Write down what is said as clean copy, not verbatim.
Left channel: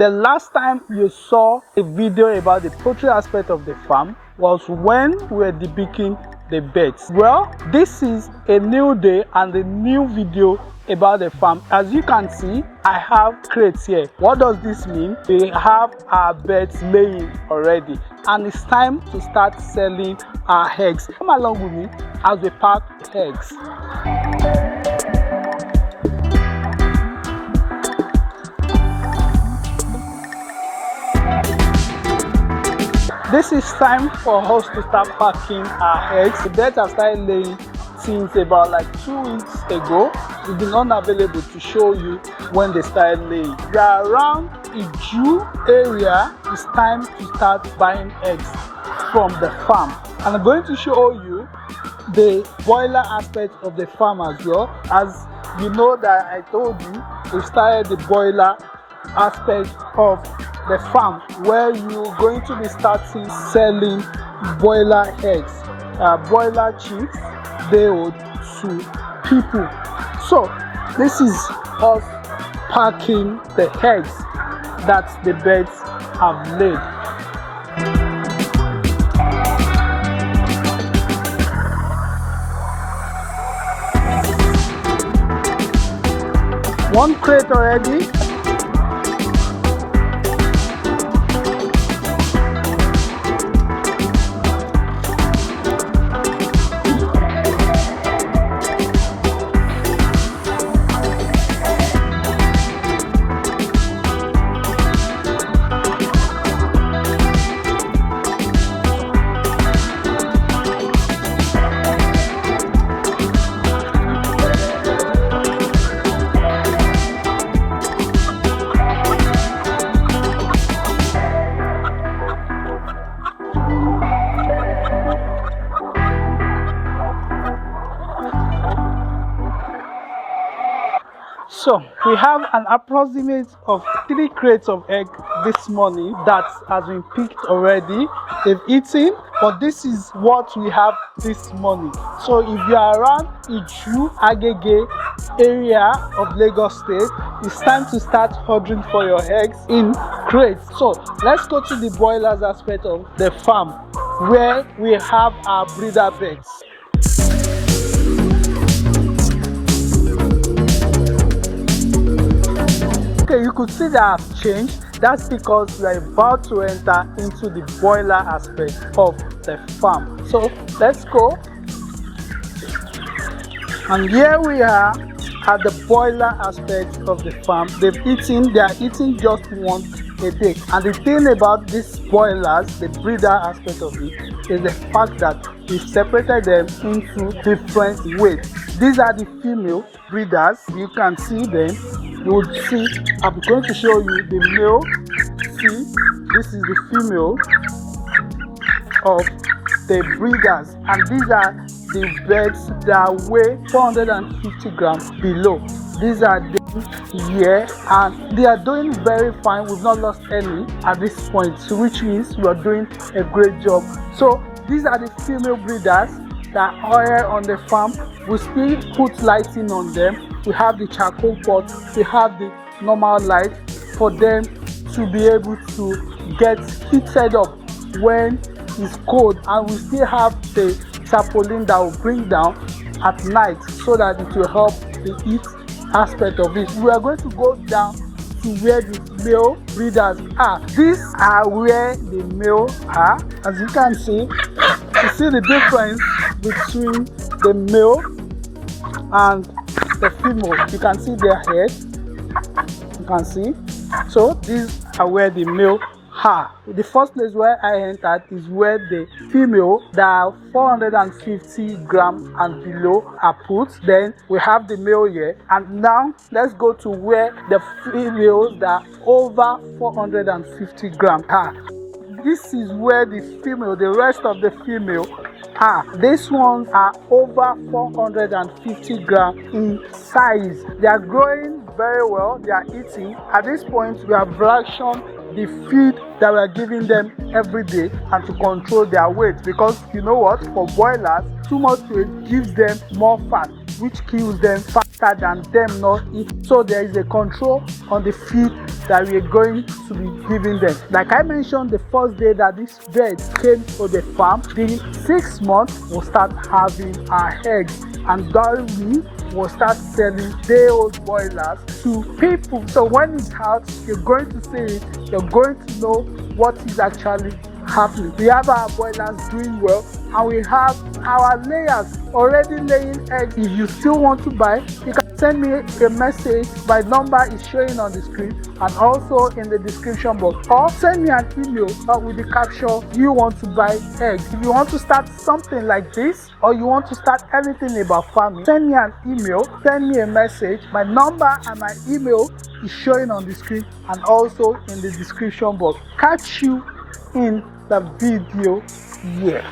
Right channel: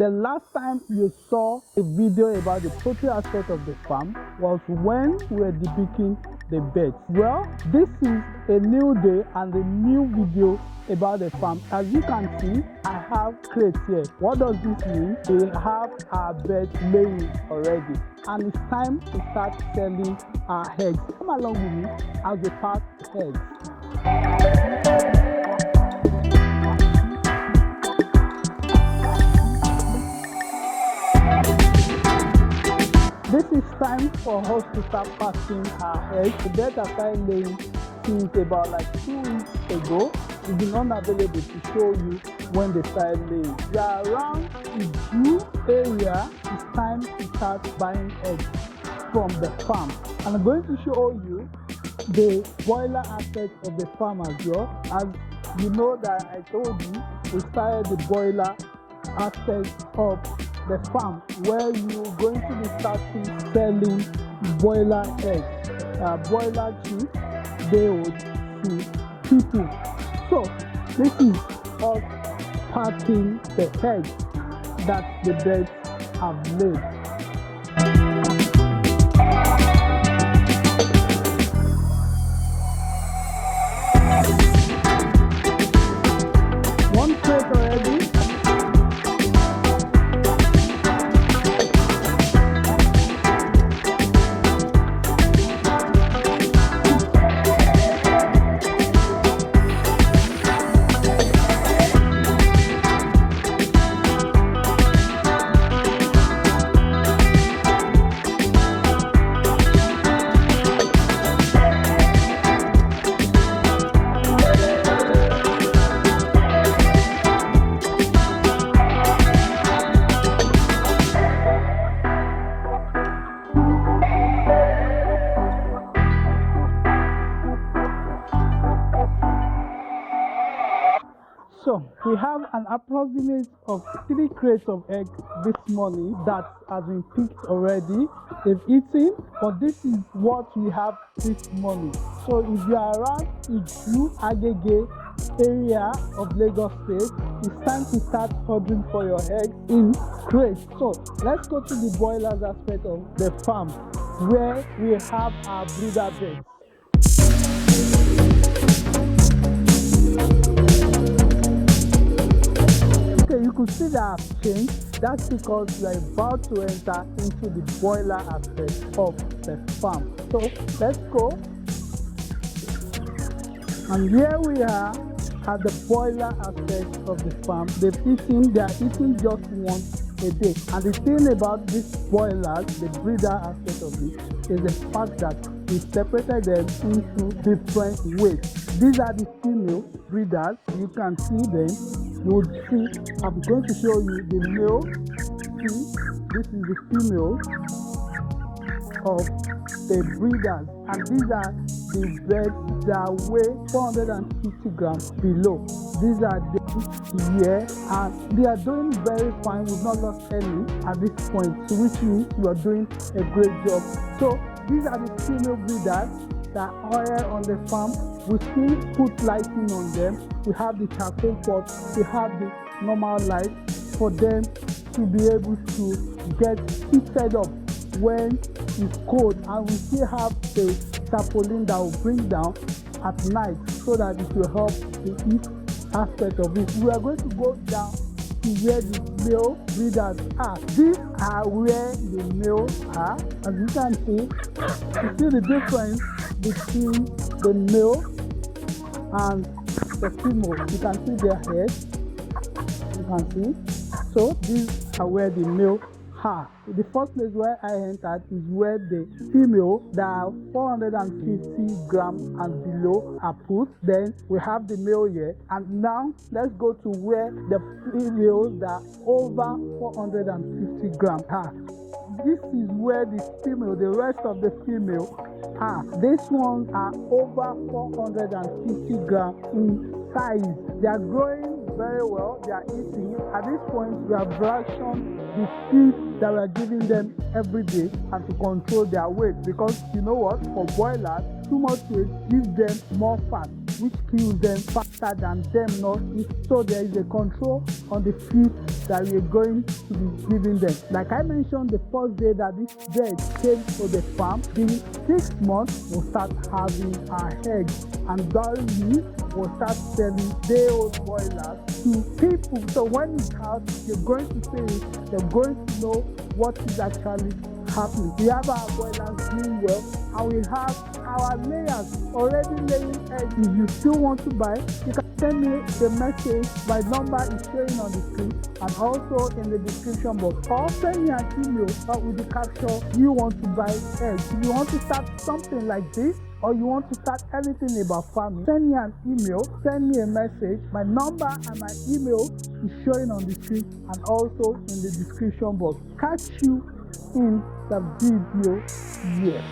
The last time you saw a video about the poultry aspect of the farm was when we were debeaking the birds. Well, this is a new day and a new video about the farm. As you can see, I have crates here. What does this mean? We have our birds laying already, and it's time to start selling our eggs. Come along with me as we pack eggs. This is time for us to start packing our eggs. The birds have started laying since about like 2 weeks ago. We've been unavailable to show you when they started laying. We are around Iju area. It's time to start buying eggs from the farm. And I'm going to show you the broiler aspect of the farm as well. As you know that I told you, we started the broiler aspect of the farm where you're going to be starting selling broiler eggs, broiler chicks, laid to people. So this is us packing the eggs that the birds have laid. One crate already. So we have an approximate of 3 crates of egg this morning that has been picked already. They've eaten, but this is what we have this morning. So if you are around Iju, Agege area of Lagos State, it's time to start ordering for your eggs in crates. So let's go to the broilers aspect of the farm where we have our breeder birds. Okay, you could see that I've changed. That's because we are about to enter into the broiler aspect of the farm. So let's go. And here we are at the broiler aspect of the farm. They've eaten, they are eating just once a day. And the thing about these broilers, the breeder aspect of it, is the fact that we've separated them into different weights. These are the female breeders. You can see them. You would see, I'm going to show you the male. See, this is the female of the breeders, and these are the birds that weigh 450 grams below. These are them here, and they are doing very fine. We've not lost any at this point, so which means we are doing a great job. So these are the female breeders that are on the farm. We still put lighting on them. We have the charcoal pot, we have the normal light for them to be able to get heated up when it's cold, and we still have the tarpaulin that will bring down at night so that it will help the heat aspect of it. We are going to go down to where the male breeders are. These are where the male are. As you can see, you see the difference between the male and the female. You can see their head. You can see. So these are where the male are. The first place where I entered is where the female that are 450 grams and below are put. Then we have the male here, and now let's go to where the females that are over 450 grams are. This is where the female, the rest of the female are. These ones are over 450 grams in size. They are growing very well. They are eating. At this point, we have rationed the feed that we are giving them every day and to control their weight, because you know what, for broilers, too much weight gives them more fat, which kills them faster than them not eat. So there is a control on the feed that we are going to be giving them. Like I mentioned, the first day that this bird came to the farm, the 6 months will start having our eggs, and that will start selling day-old broilers to people. So when it's out, you're going to see it, you're going to know what is actually happening. We have our broilers doing well, and we have our layers already laying eggs. If you still want to buy, you can send me a message. My number is showing on the screen and also in the description box, or send me an email with the caption you want to buy eggs. If you want to start something like this, or you want to start anything about farming, send me an email, send me a message. My number and my email is showing on the screen and also in the description box. Catch you in the video here.